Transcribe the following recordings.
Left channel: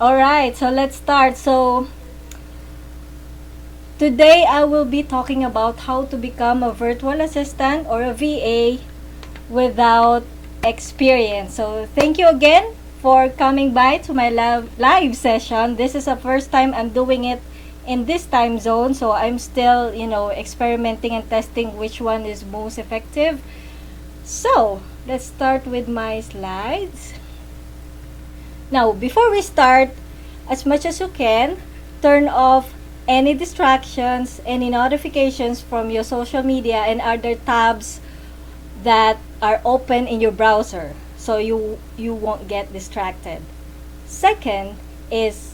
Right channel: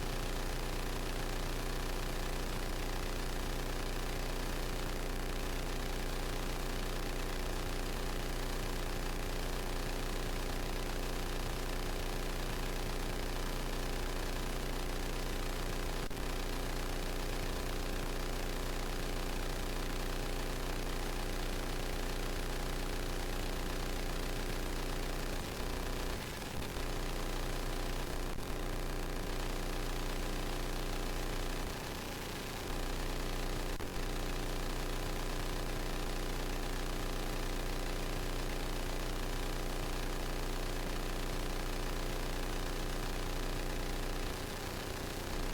Alright, so let's start. So, today I will be talking about how to become a virtual assistant or a VA without experience. So, thank you again for coming by to my live session. This is the first time I'm doing it in this time zone, so I'm still, experimenting and testing which one is most effective. So, let's start with my slides. Now, before we start, as much as you can, turn off any distractions, any notifications from your social media and other tabs that are open in your browser so you won't get distracted. Second is,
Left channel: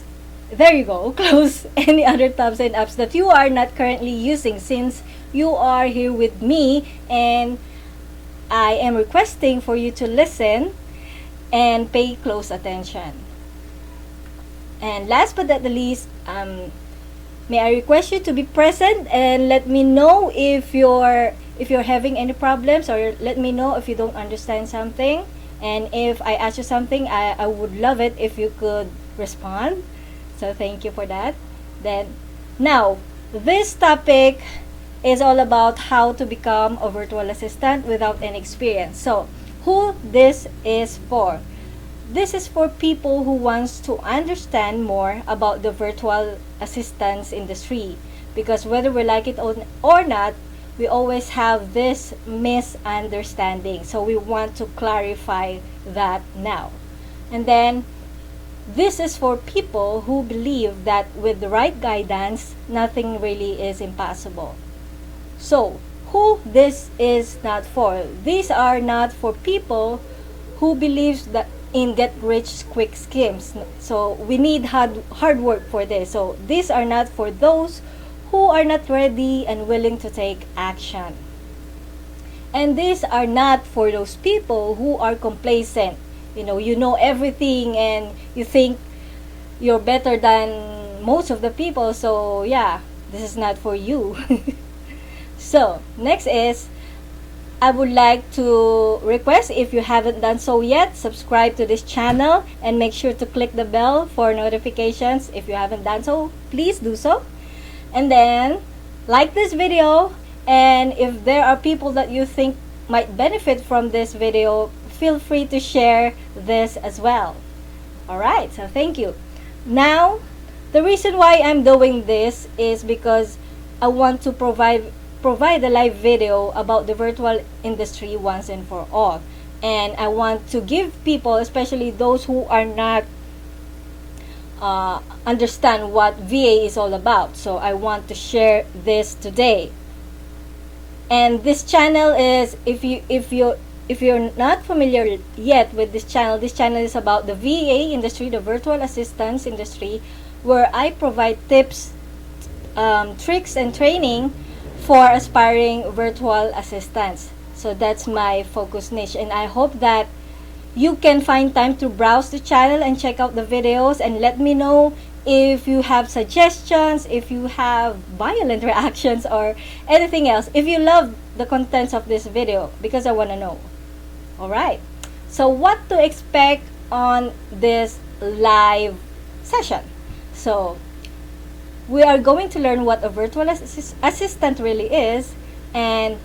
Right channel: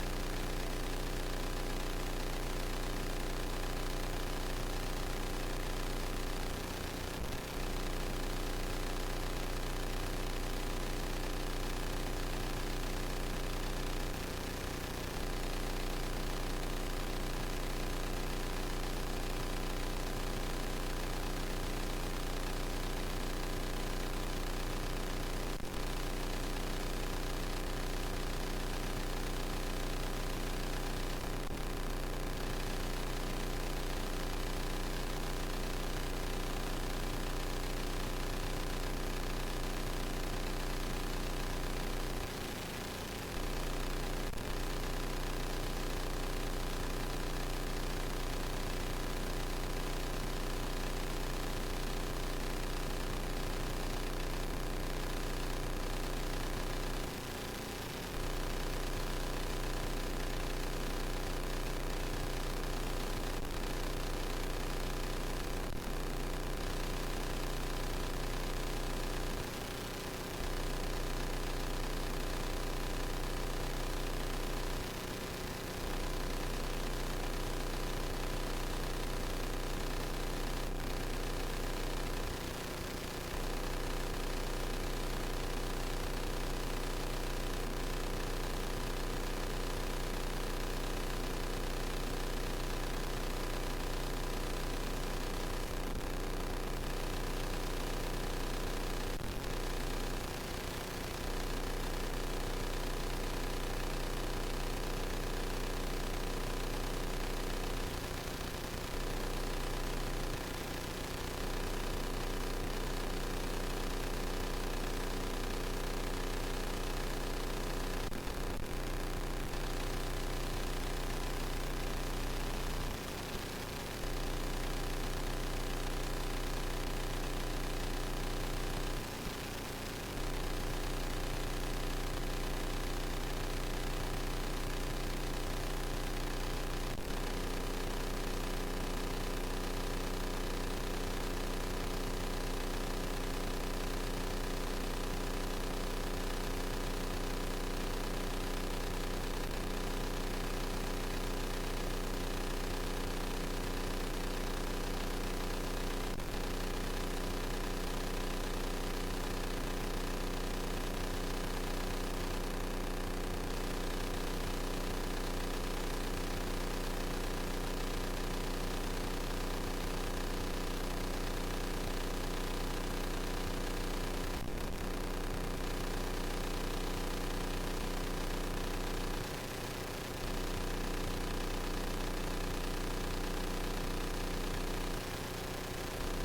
there you go, close any other tabs and apps that you are not currently using, since you are here with me and I am requesting for you to listen and pay close attention. And last but not the least, may I request you to be present and let me know if you're having any problems, or let me know if you don't understand something. And if I ask you something, I would love it if you could respond. So thank you for that. Then, now, this topic is all about how to become a virtual assistant without any experience. So, who this is for? This is for people who wants to understand more about the virtual assistance industry, because whether we like it or not, we always have this misunderstanding. So we want to clarify that now. And then this is for people who believe that with the right guidance, nothing really is impossible. So, who this is not for? These are not for people who believes that in get rich quick schemes. So we need hard work for this. So these are not for those who are not ready and willing to take action. And these are not for those people who are complacent. You know everything and you think you're better than most of the people. So yeah, this is not for you. So next is, I would like to request, if you haven't done so yet, subscribe to this channel and make sure to click the bell for notifications. If you haven't done so, please do so. And then like this video, and if there are people that you think might benefit from this video, feel free to share this as well. Alright, so thank you. Now, the reason why I'm doing this is because I want to provide a live video about the virtual industry once and for all. And I want to give people, especially those who are not understand what VA is all about. So I want to share this today. And this channel is, if you're not familiar yet with this channel is about the VA industry, the virtual assistance industry, where I provide tips, tricks, and training for aspiring virtual assistants. So that's my focus niche, and I hope that you can find time to browse the channel and check out the videos, and let me know if you have suggestions, if you have violent reactions, or anything else, if you love the contents of this video, because I want to know. Alright, so what to expect on this live session? So we are going to learn what a virtual assistant really is, and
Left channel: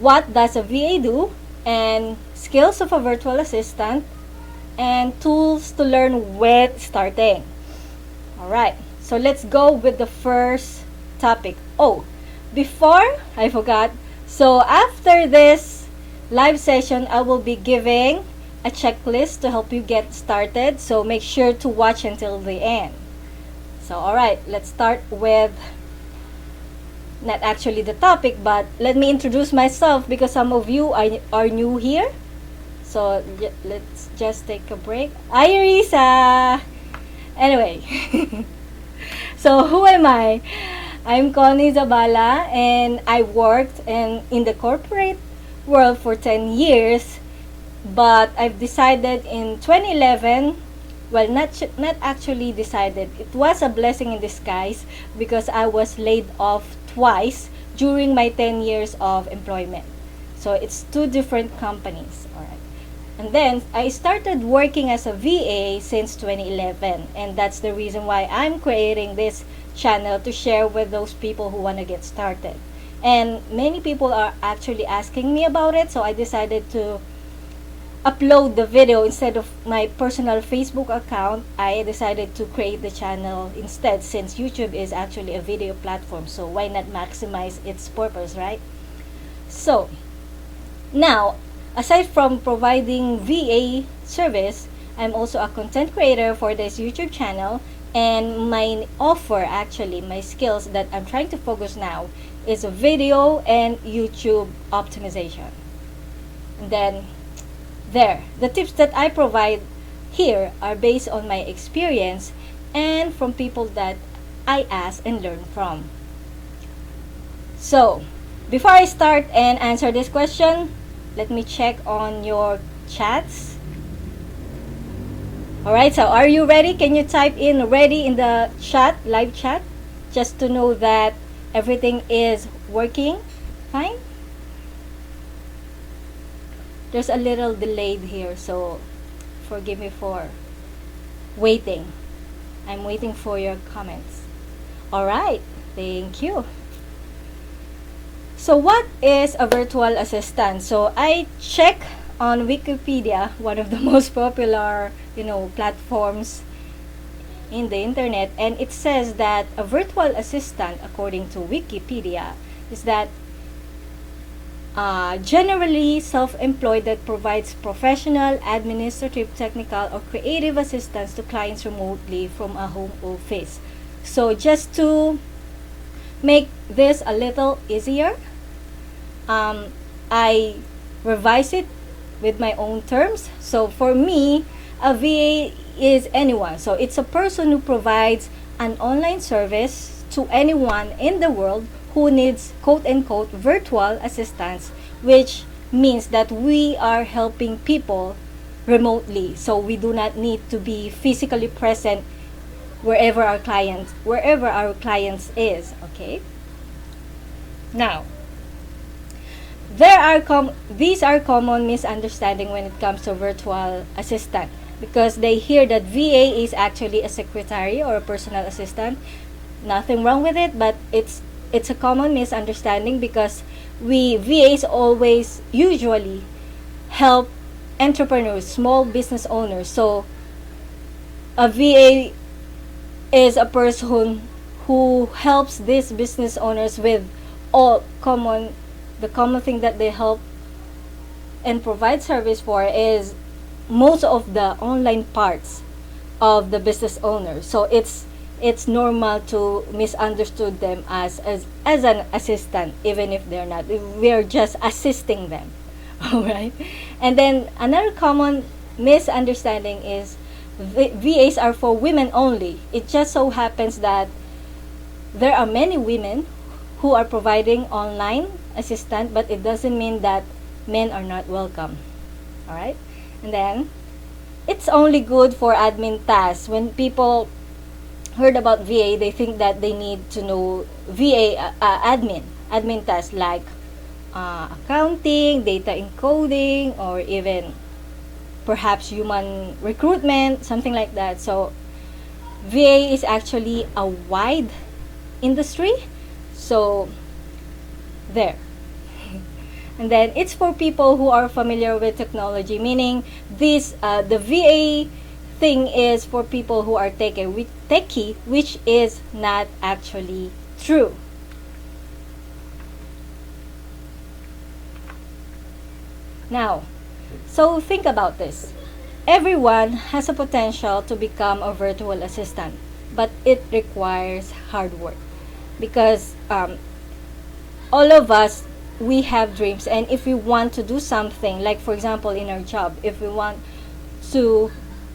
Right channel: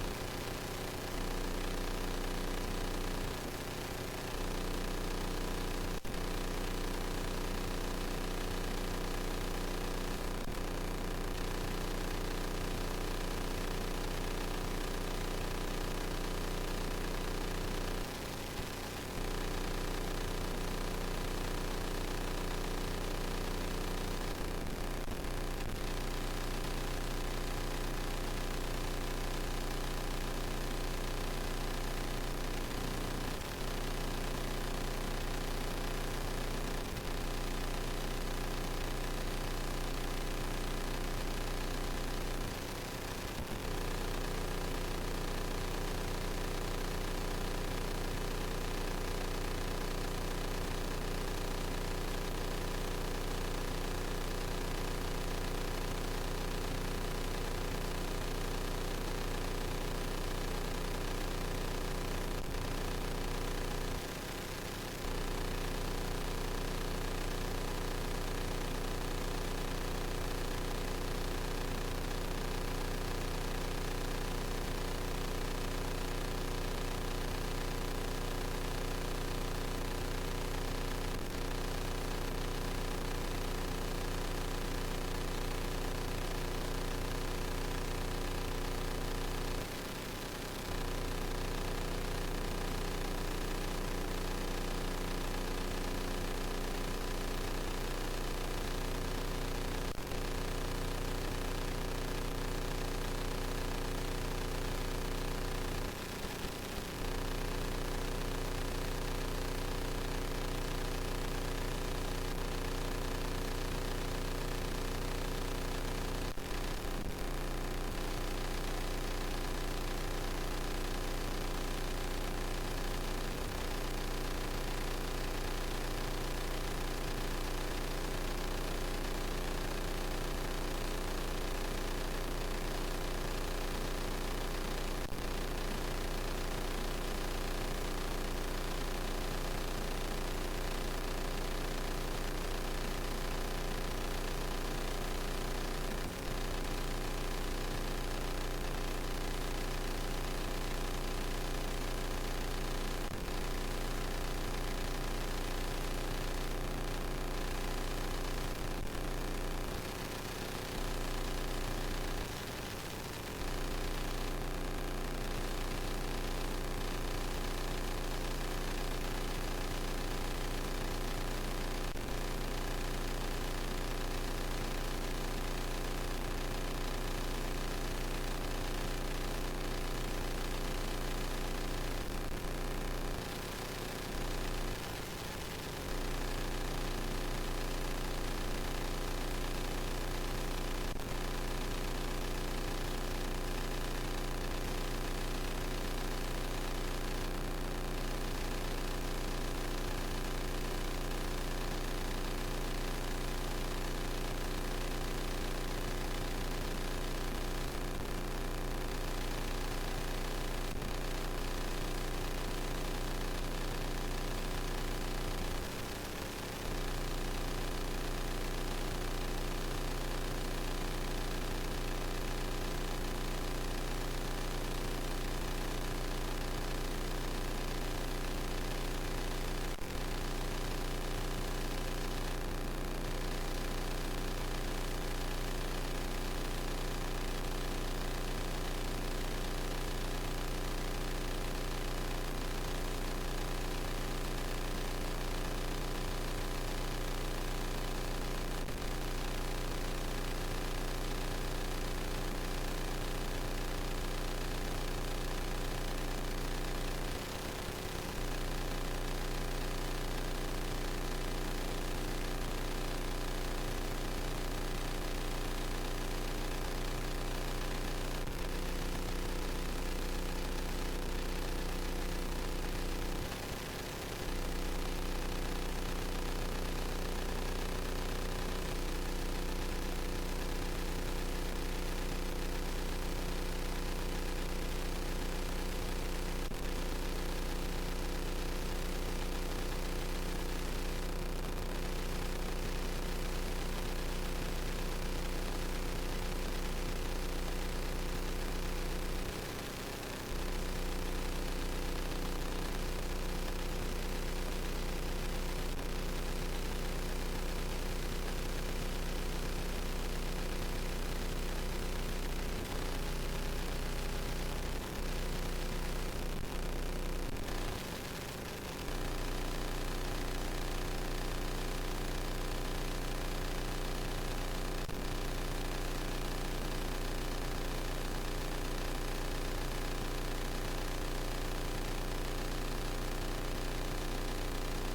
what does a VA do, and skills of a virtual assistant, and tools to learn with starting. Alright, so let's go with the first topic. Oh, before I forgot, so after this live session, I will be giving a checklist to help you get started, so make sure to watch until the end. So alright, let's start with, not actually the topic, but let me introduce myself, because some of you are new here. So let's just take a break. Hi, Risa! Anyway, so who am I? I'm Connie Zabala, and I worked in the corporate world for 10 years, but I've decided in 2011, well, not actually decided. It was a blessing in disguise, because I was laid off twice during my 10 years of employment. So it's two different companies. Alright. And then I started working as a VA since 2011, and that's the reason why I'm creating this channel to share with those people who want to get started. And many people are actually asking me about it, so I decided to upload the video instead of my personal Facebook account. I decided to create the channel instead, since YouTube is actually a video platform, so why not maximize its purpose, right? So now, aside from providing VA service, I'm also a content creator for this YouTube channel, and my offer, actually my skills that I'm trying to focus now, is video and YouTube optimization. Then the tips that I provide here are based on my experience and from people that I ask and learn from. So before I start and answer this question, let me check on your chats. Alright, so are you ready? Can you type in ready in the chat, live chat, just to know that everything is working fine? There's a little delayed here, so forgive me for waiting. I'm waiting for your comments. Alright, thank you. So what is a virtual assistant? So I check on Wikipedia, one of the most popular, platforms in the internet, and it says that a virtual assistant, according to Wikipedia, is that generally self-employed that provides professional, administrative, technical, or creative assistance to clients remotely from a home office. So just to make this a little easier, I revise it with my own terms. So for me, a VA is anyone. So it's a person who provides an online service to anyone in the world who needs quote-unquote virtual assistance, which means that we are helping people remotely. So we do not need to be physically present wherever our clients is. Okay. Now, these are common misunderstanding when it comes to virtual assistant, because they hear that VA is actually a secretary or a personal assistant. Nothing wrong with it, but it's a common misunderstanding because we VAs always usually help entrepreneurs, small business owners. So a VA is a person who helps these business owners with the common thing that they help and provide service for is most of the online parts of the business owner. So it's normal to misunderstood them as an assistant, even if they're not. We're just assisting them. Alright? And then another common misunderstanding is VAs are for women only. It just so happens that there are many women who are providing online assistant, but it doesn't mean that men are not welcome. Alright? And then it's only good for admin tasks. When people heard about VA, they think that they need to know VA admin tasks like accounting, data encoding, or even perhaps human recruitment, something like that. So VA is actually a wide industry. So there. And then it's for people who are familiar with technology, meaning the VA thing is for people who are techie, which is not actually true. Now, so think about this. Everyone has a potential to become a virtual assistant, but it requires hard work, because all of us, we have dreams, and if we want to do something, like for example in our job, if we want to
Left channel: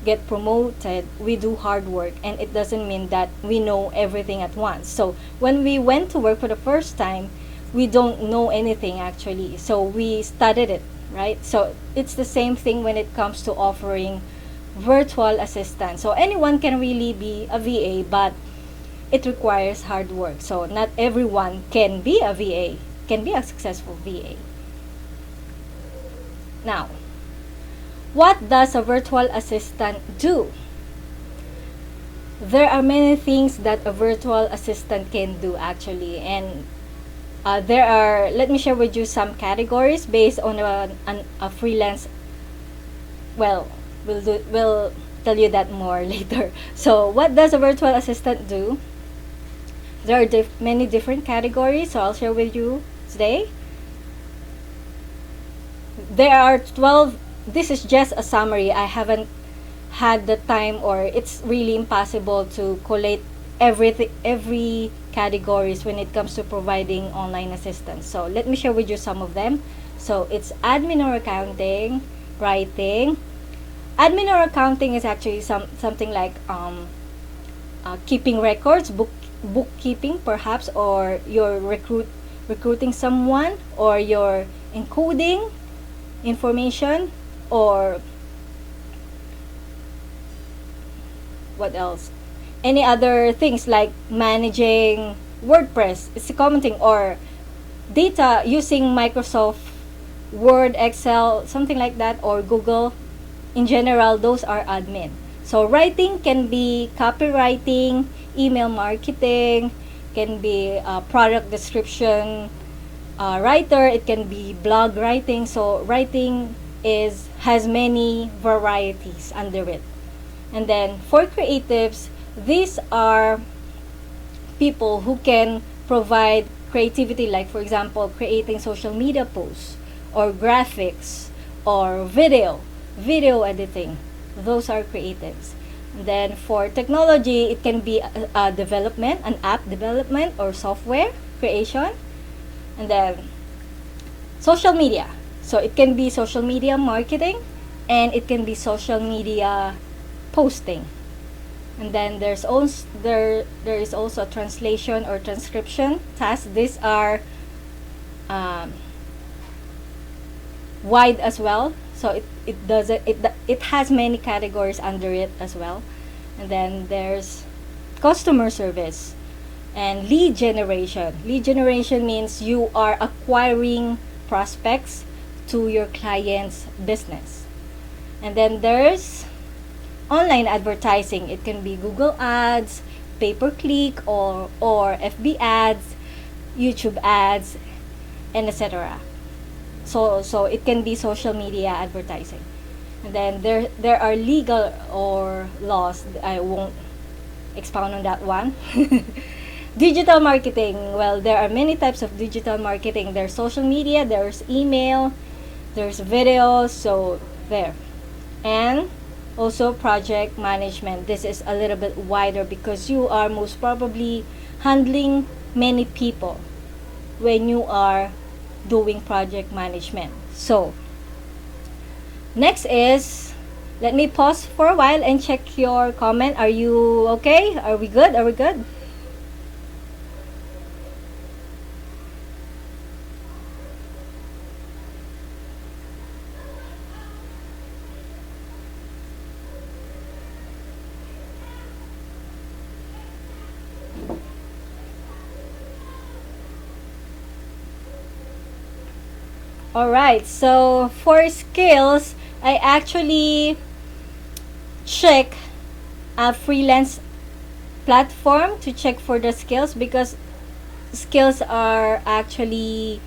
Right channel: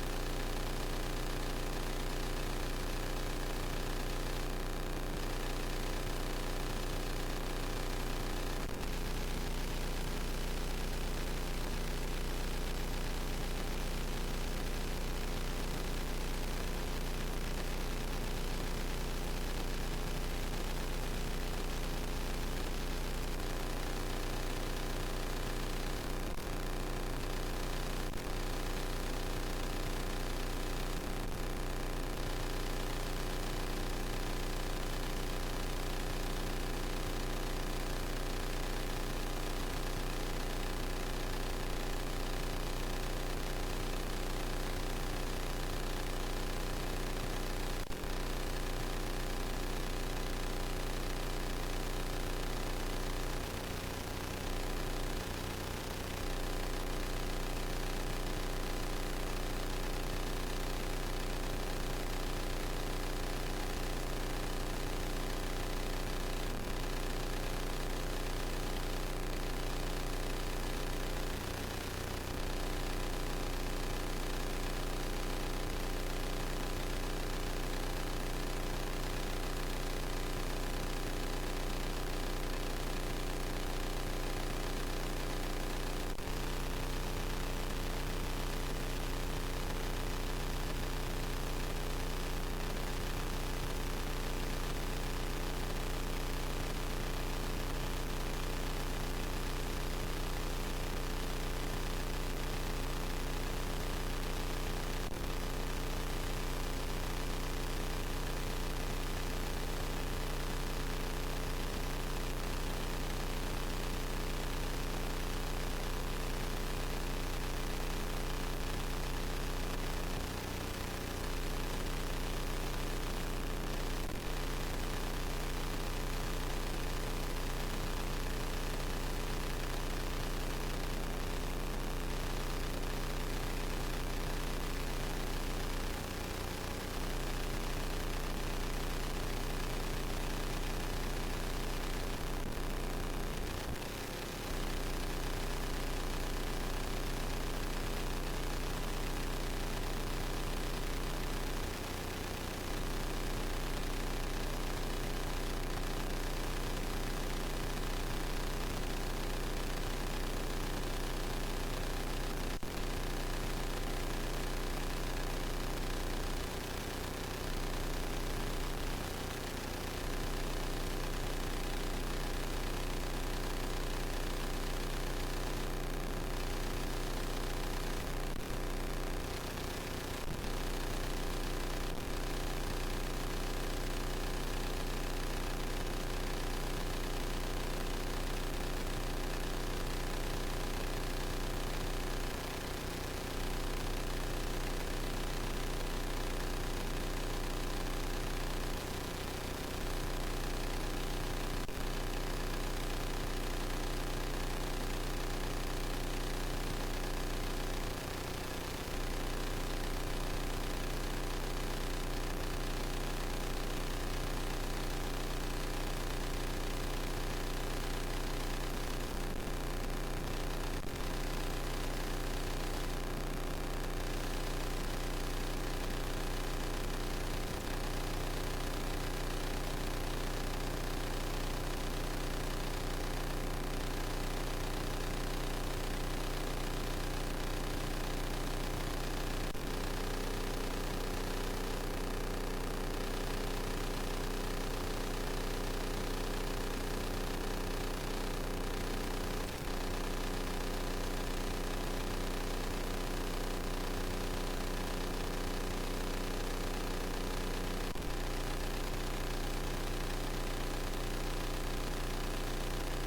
get promoted, we do hard work, and it doesn't mean that we know everything at once. So when we went to work for the first time, we don't know anything actually, so we studied it, right? So it's the same thing when it comes to offering virtual assistance. So anyone can really be a VA, but it requires hard work. So not everyone can be a VA, can be a successful VA. Now, What does a virtual assistant do? There are many things that a virtual assistant can do actually, and there are, let me share with you some categories based on a freelance. Well, we'll tell you that more later. So what does a virtual assistant do? There are many different categories, so I'll share with you today. There are 12. This is just a summary. I haven't had the time, or it's really impossible to collate every categories when it comes to providing online assistance. So let me share with you some of them. So it's admin or accounting, writing. Admin or accounting is actually something like keeping records, bookkeeping perhaps, or you're recruiting someone, or you're encoding information, or what else, any other things like managing WordPress, it's commenting, or data using Microsoft Word, Excel, something like that, or Google. In general, those are admin. So writing can be copywriting, email marketing, can be product description writer, it can be blog writing. So writing has many varieties under it. And then for creatives, these are people who can provide creativity, like for example creating social media posts, or graphics, or video editing. Those are creatives. Then for technology, it can be a development, an app development, or software creation. And then social media, so it can be social media marketing, and it can be social media posting. And then there is also a translation or transcription task. These are wide as well, so it has many categories under it as well. And then there's customer service and lead generation. Lead generation means you are acquiring prospects to your client's business. And then there's online advertising. It can be Google ads, pay-per-click, or FB ads, YouTube ads, and etc. So it can be social media advertising. And then there are legal or laws. I won't expound on that one. Digital marketing. Well, there are many types of digital marketing. There's social media, there's email, there's videos, so there. And also project management. This is a little bit wider because you are most probably handling many people when you are doing project management. So next is, let me pause for a while and check your comment. Are you okay? Are we good? Are we good? Alright, so for skills, I actually check a freelance platform to check for the skills, because skills are actually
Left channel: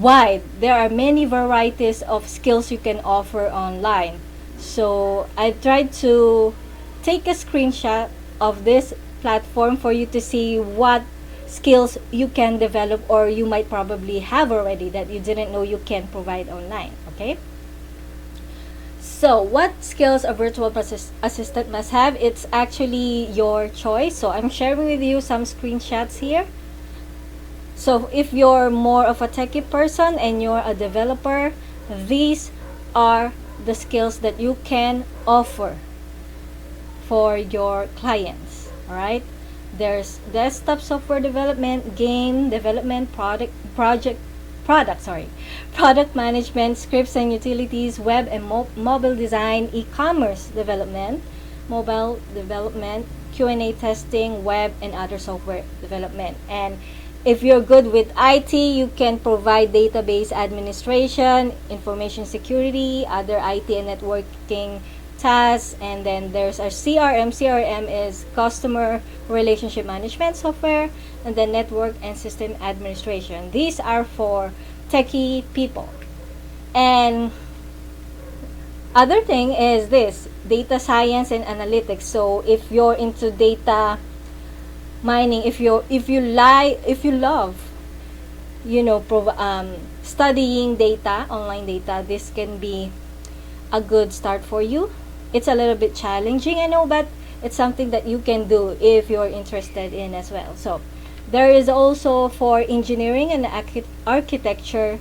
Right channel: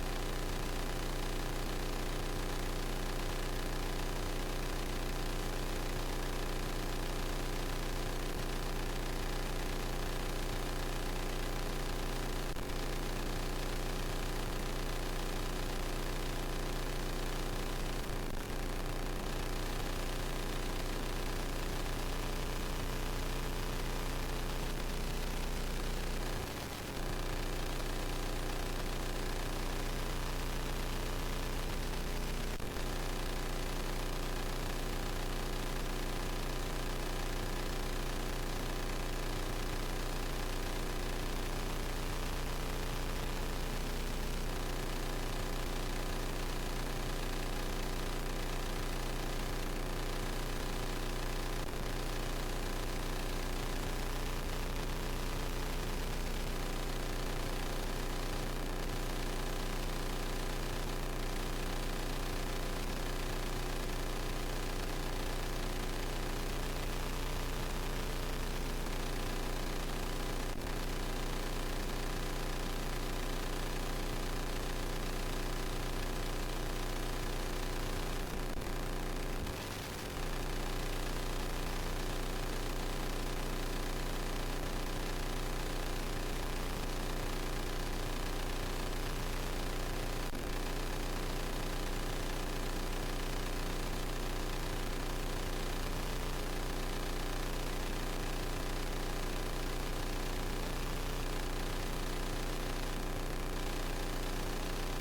wide. There are many varieties of skills you can offer online. So I tried to take a screenshot of this platform for you to see what skills you can develop, or you might probably have already that you didn't know you can provide online. Okay, so what skills a virtual assistant must have, it's actually your choice. So I'm sharing with you some screenshots here. So if you're more of a techie person and you're a developer, these are the skills that you can offer for your clients. All right, there's desktop software development, game development, product management, scripts and utilities, web and mobile design, e-commerce development, mobile development, Q&A testing, web and other software development. And If you're good with IT, you can provide database administration, information security, other IT and networking tasks. And then there's our CRM. CRM is customer relationship management software. And then network and system administration. These are for techie people. And other thing is this, data science and analytics. So if you're into data mining, if you love, studying data, online data, this can be a good start for you. It's a little bit challenging, I know, but it's something that you can do if you're interested in as well. So there is also for engineering and architecture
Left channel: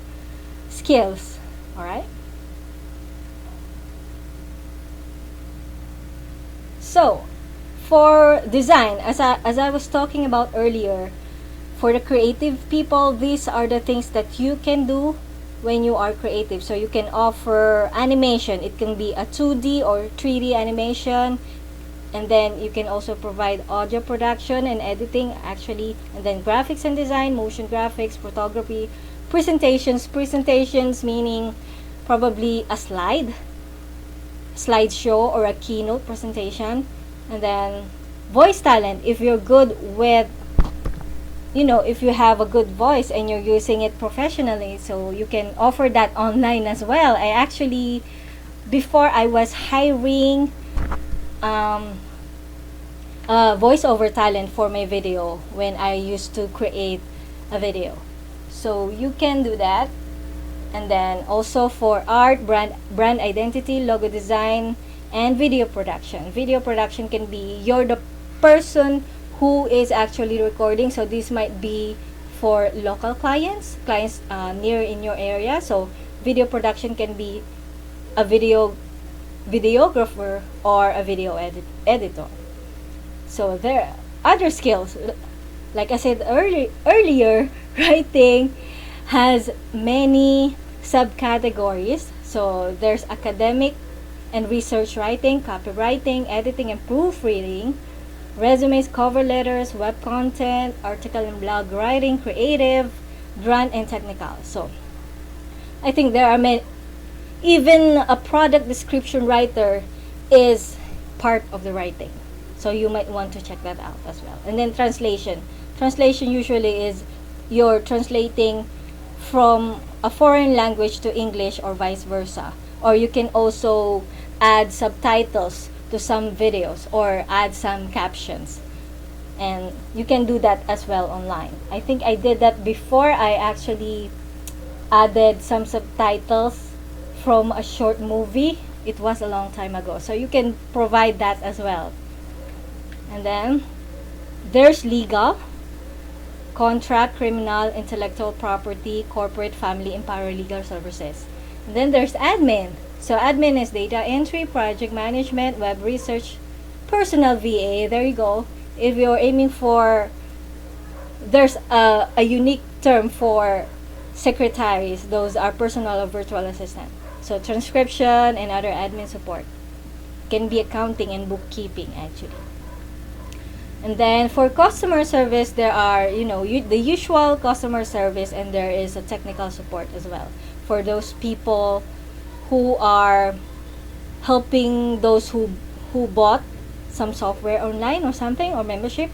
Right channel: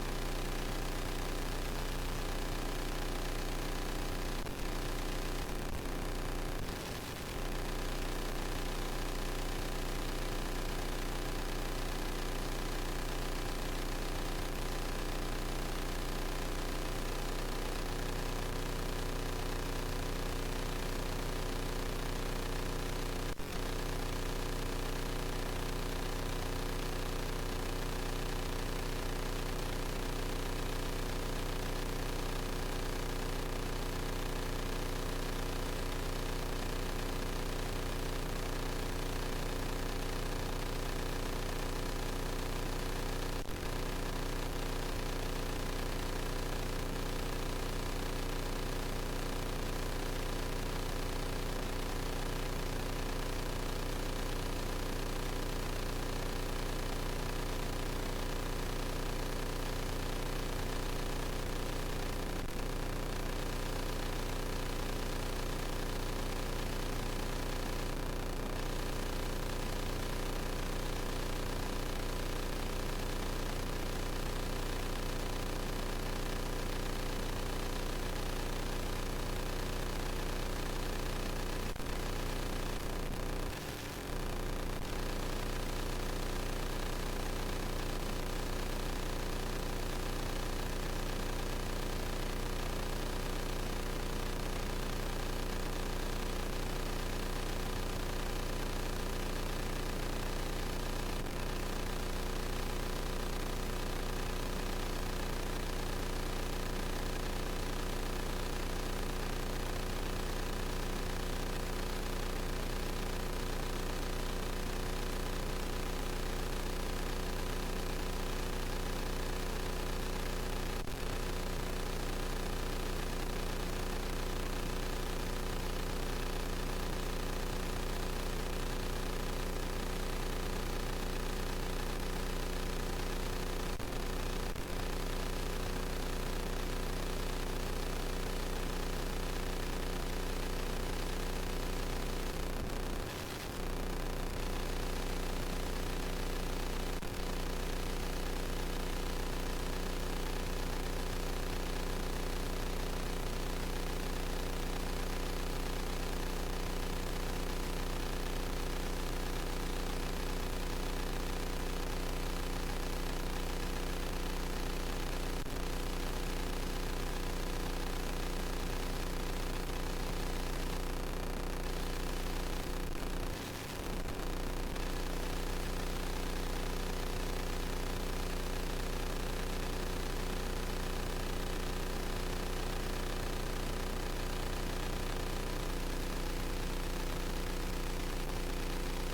skills. All right. So for design, as I was talking about earlier, for the creative people, these are the things that you can do when you are creative. So you can offer animation. It can be a 2D or 3D animation. And then you can also provide audio production and editing, actually. And then graphics and design, motion graphics, photography, presentations meaning probably a slideshow or a keynote presentation. And then voice talent, if you're good with, if you have a good voice and you're using it professionally, so you can offer that online as well. I actually, before I was hiring voiceover talent for my video when I used to create a video. So you can do that. And then also for art, brand identity, logo design, and video production. Video production can be you're the person who is actually recording. So this might be for local clients near in your area. So video production can be a videographer or a video editor. So there are other skills. Like I said earlier, writing has many subcategories. So there's academic and research writing, copywriting, editing and proofreading, resumes, cover letters, web content, article and blog writing, creative, brand and technical. So I think there are many. Even a product description writer is part of the writing. So you might want to check that out as well. And then translation. Translation usually is you're translating from a foreign language to English or vice versa. Or you can also add subtitles to some videos or add some captions. And you can do that as well online. I think I did that before. I actually added some subtitles from a short movie. It was a long time ago. So you can provide that as well. And then there's legal, contract, criminal, intellectual property, corporate, family, and paralegal services. And then there's admin. So admin is data entry, project management, web research, personal VA. There you go. If you're aiming for, there's a unique term for secretaries. Those are personal or virtual assistant. So transcription and other admin support. Can be accounting and bookkeeping actually. And then for customer service, there are, the usual customer service, and there is a technical support as well. For those people who are helping those who bought some software online or something, or membership.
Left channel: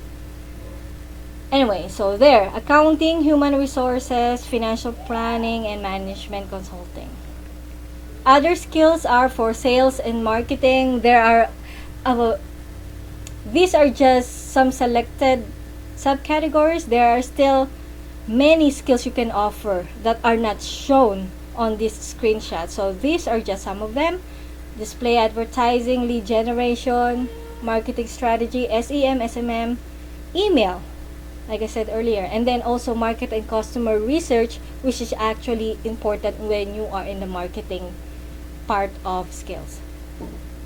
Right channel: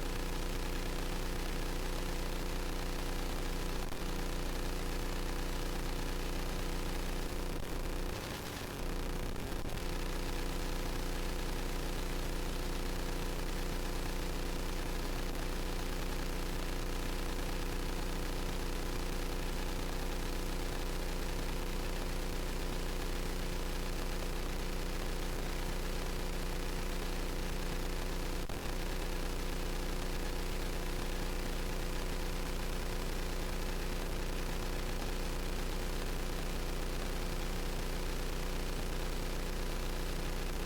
Anyway, so there, accounting, human resources, financial planning, and management consulting. Other skills are for sales and marketing. There are, these are just some selected subcategories. There are still many skills you can offer that are not shown on this screenshot. So these are just some of them. Display advertising, lead generation, marketing strategy, SEM, SMM, email, like I said earlier. And then also market and customer research, which is actually important when you are in the marketing part of skills.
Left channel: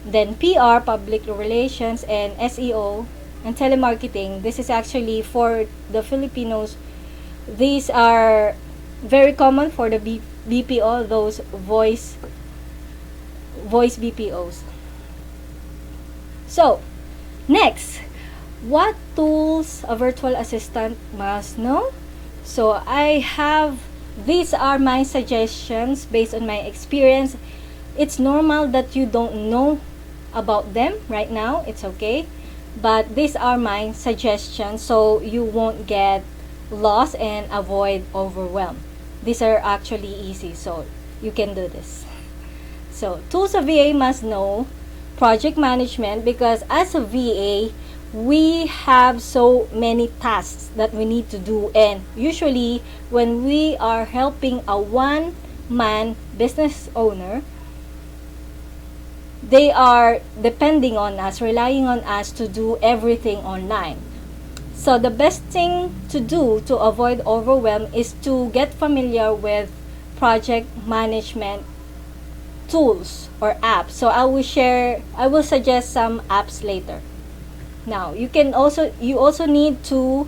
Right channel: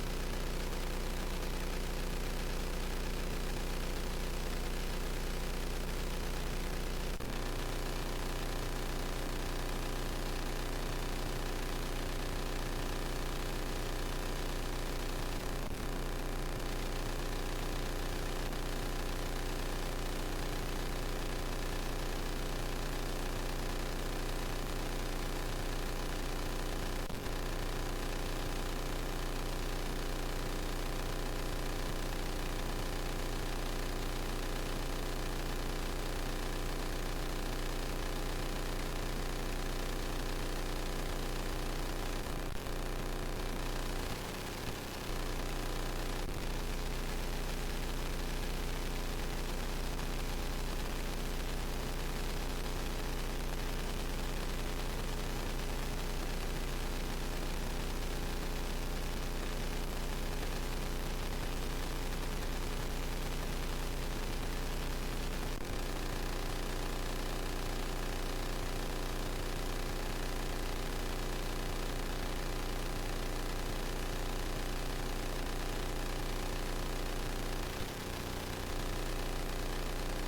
Then PR, public relations, and SEO, and telemarketing. This is actually for the Filipinos. These are very common for the BPO, those voice BPOs. So, next, what tools a virtual assistant must know? So these are my suggestions based on my experience. It's normal that you don't know about them right now, it's okay, but these are my suggestions so you won't get lost and avoid overwhelm. These are actually easy, so you can do this. So tools a VA must know: project management, because as a VA we have so many tasks that we need to do, and usually when we are helping a one man business owner, they are depending on us, relying on us to do everything online. So the best thing to do to avoid overwhelm is to get familiar with project management tools or apps. So I will suggest some apps later. Now, you also need to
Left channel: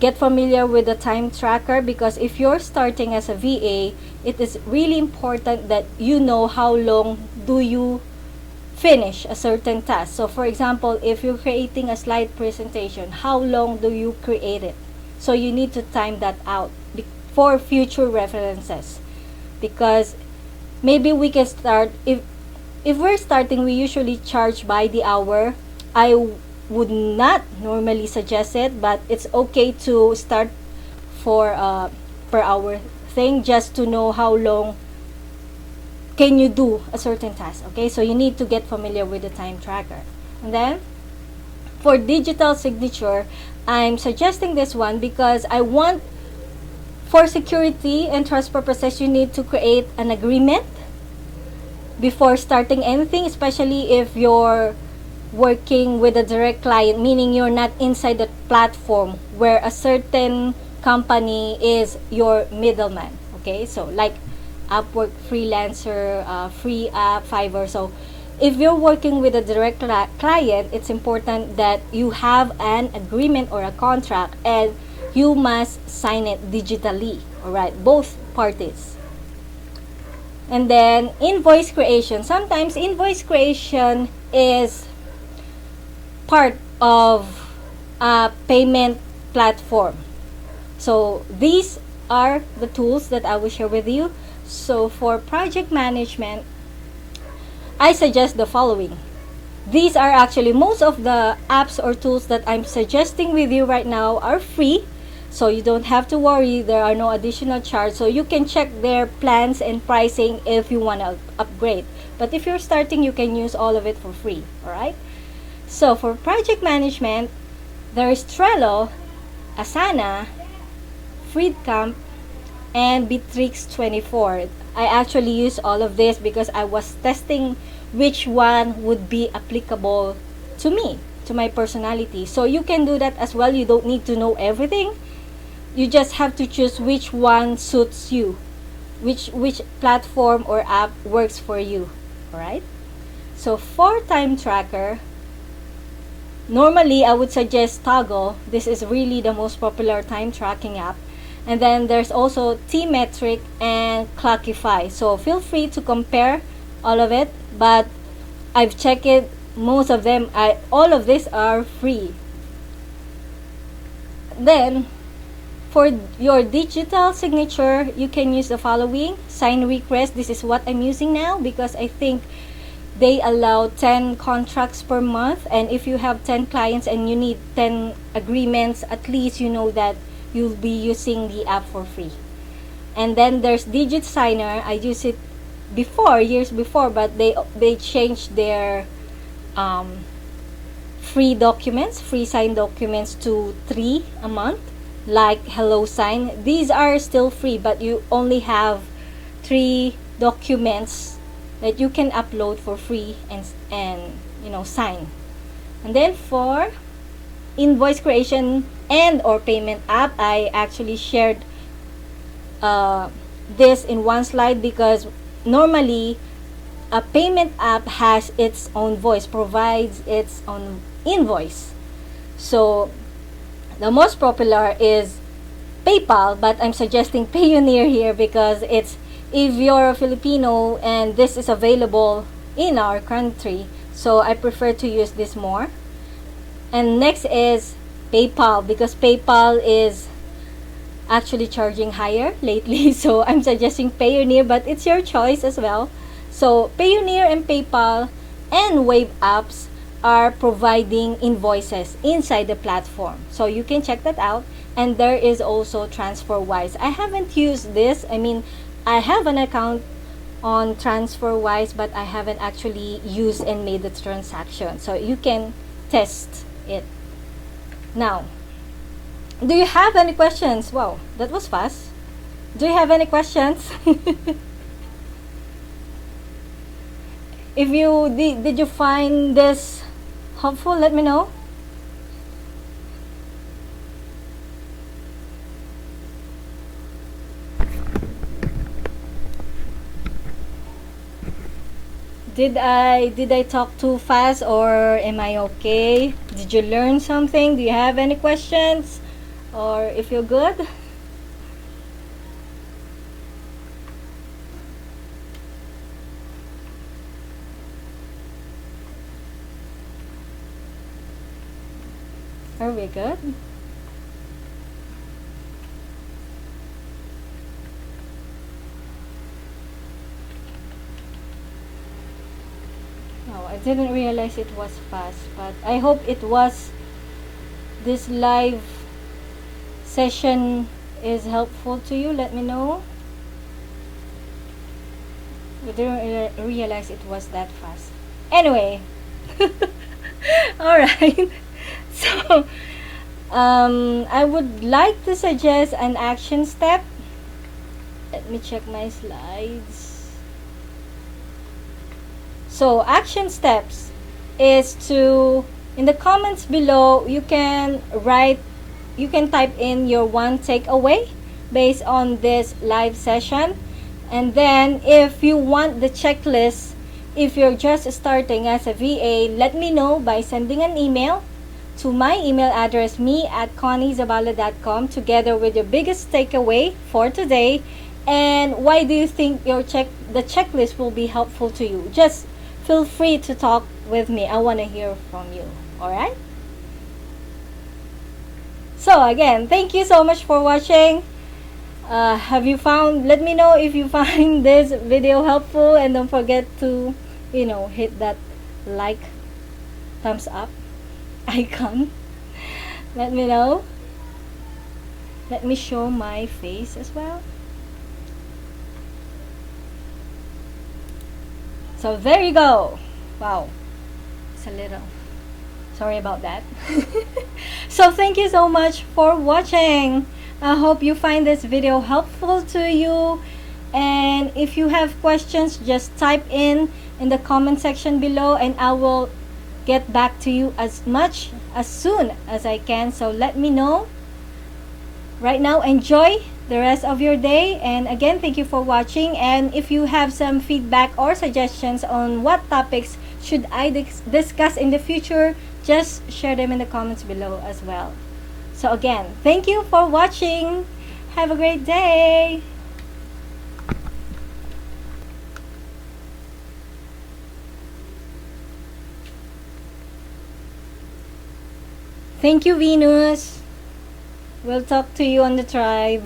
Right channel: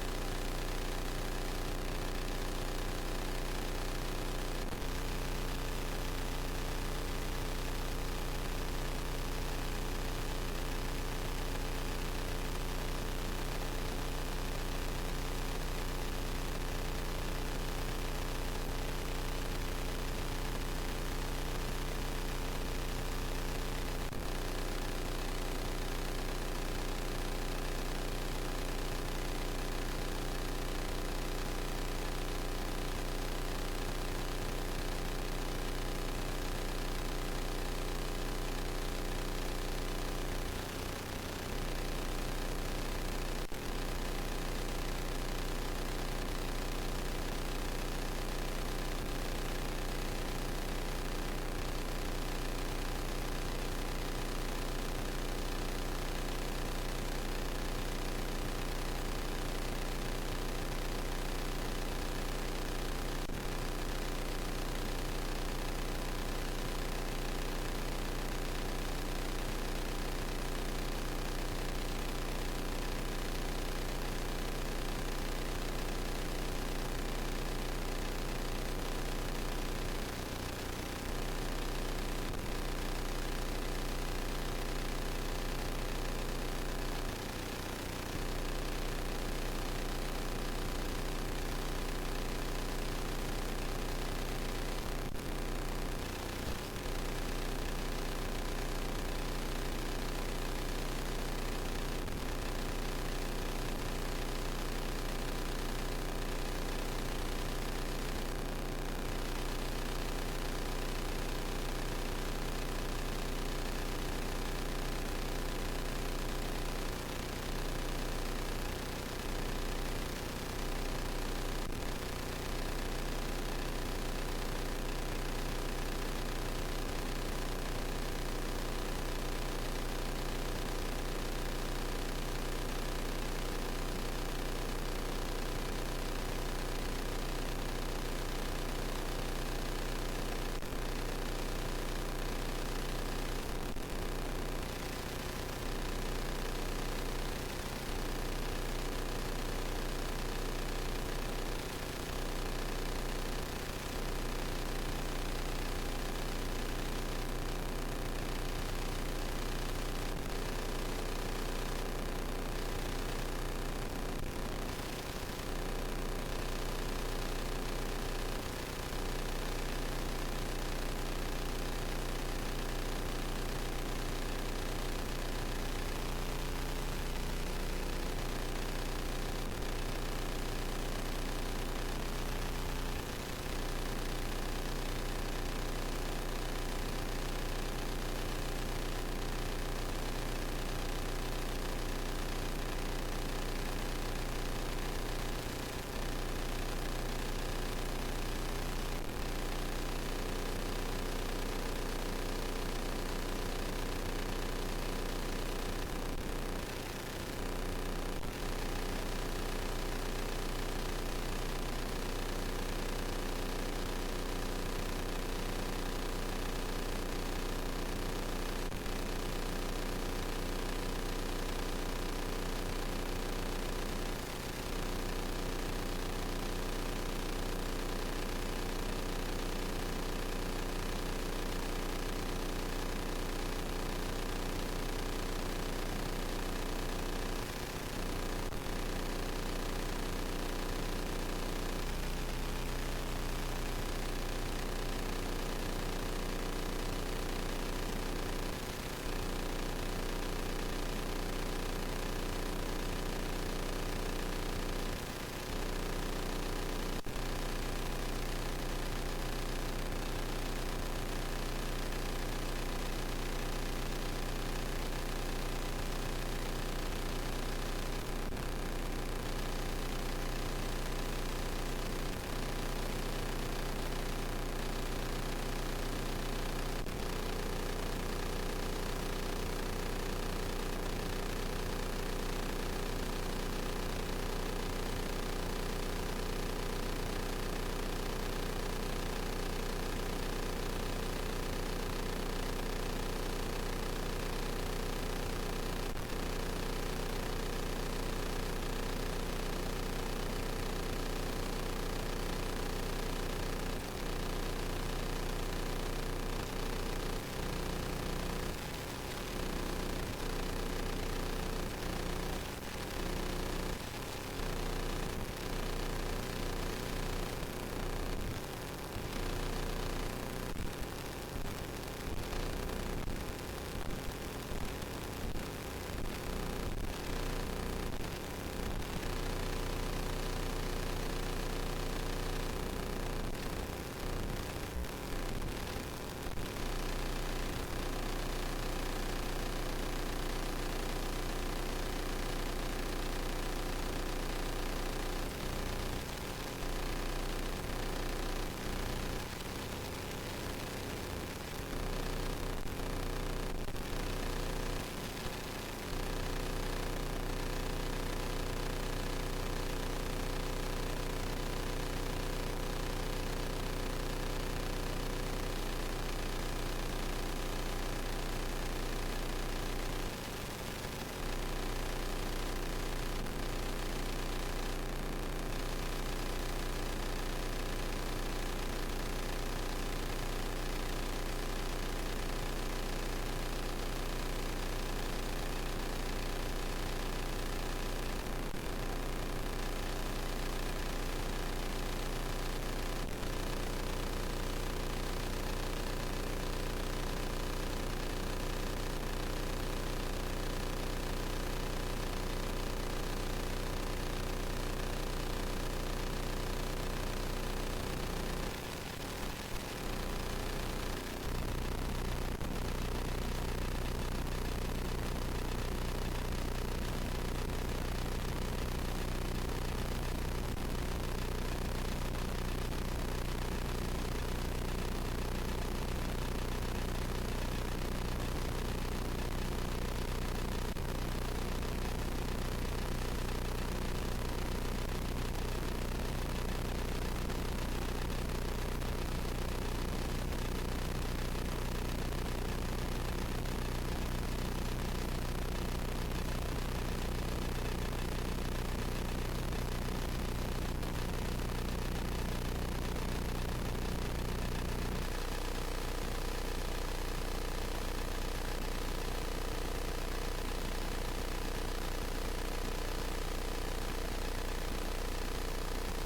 get familiar with the time tracker, because if you're starting as a VA, it is really important that you know how long do you finish a certain task. So for example, if you're creating a slide presentation, how long do you create it? So you need to time that out for future references, because maybe we can start, if we're starting, we usually charge by the hour. I would not normally suggest it, but it's okay to start for per hour thing, just to know how long can you do a certain task. Okay, so you need to get familiar with the time tracker. And then for digital signature, I'm suggesting this one because I want, for security and trust purposes, you need to create an agreement before starting anything, especially if you're working with a direct client, meaning you're not inside the platform where a certain company is your middleman. Okay, so like Upwork, Freelancer, Free App, Fiverr. So if you're working with a direct client, it's important that you have an agreement or a contract, and you must sign it digitally. Alright, both parties. And then invoice creation. Sometimes invoice creation is part of a payment platform. So these are the tools that I will share with you. So for project management, I suggest the following. These are actually, most of the apps or tools that I'm suggesting with you right now are free. So you don't have to worry, there are no additional charge. So you can check their plans and pricing if you want to upgrade. But if you're starting, you can use all of it for free. Alright? So for project management, there is Trello, Asana, Freecamp, and Bitrix24. I actually use all of this because I was testing which one would be applicable to me, to my personality. So you can do that as well. You don't need to know everything. You just have to choose which one suits you, which platform or app works for you. Alright? So for time tracker, normally I would suggest Toggle. This is really the most popular time tracking app. And then there's also T-Metric and Clockify. So feel free to compare all of it, but I've checked it, most of them, all of these are free. Then for your digital signature, you can use the following: Sign Request. This is what I'm using now because I think they allow 10 contracts per month, and if you have 10 clients and you need 10 agreements, at least you know that you'll be using the app for free. And then there's Digit Signer. I used it before, years before, but they changed their free sign documents to 3 a month, like Hello Sign. These are still free, but you only have 3 documents that you can upload for free and sign. And then for invoice creation and or payment app, I actually shared this in one slide because normally a payment app has its own voice, provides its own invoice. So the most popular is PayPal, but I'm suggesting Payoneer here because it's, if you're a Filipino and this is available in our country, so I prefer to use this more. And next is PayPal, because PayPal is actually charging higher lately. So I'm suggesting Payoneer, but it's your choice as well. So Payoneer and PayPal and Wave apps are providing invoices inside the platform. So you can check that out. And there is also TransferWise. I haven't used this. I mean, I have an account on TransferWise, but I haven't actually used and made the transaction. So you can test it. Now, do you have any questions? Wow, that was fast. Do you have any questions? If you did you find this helpful, let me know. Did I talk too fast, or am I okay? Did you learn something? Do you have any questions? Or if you're good? Are we good? Oh, I didn't realize it was fast, but I hope it was. This live session is helpful to you. Let me know. I didn't realize it was that fast. Anyway, all right. So, I would like to suggest an action step. Let me check my slides. So, action steps is to, in the comments below, you can type in your one takeaway based on this live session. And then if you want the checklist, if you're just starting as a VA, let me know by sending an email to my email address, me@conniezabala.com, together with your biggest takeaway for today and why do you think the checklist will be helpful to you. Just feel free to talk with me. I want to hear from you. All right? So again, thank you so much for watching. Let me know if you find this video helpful, and don't forget to, hit that like, thumbs up icon. Let me know. Let me show my face as well. So there you go. Wow, it's a little, sorry about that. So thank you so much for watching. I hope you find this video helpful to you, and if you have questions, just type in the comment section below and I will get back to you as soon as I can. So let me know. Right now, enjoy the rest of your day, and again, thank you for watching. And if you have some feedback or suggestions on what topics should I discuss in the future, just share them in the comments below as well. So again, thank you for watching. Have a great day. Thank you, Venus. We'll talk to you on the tribe.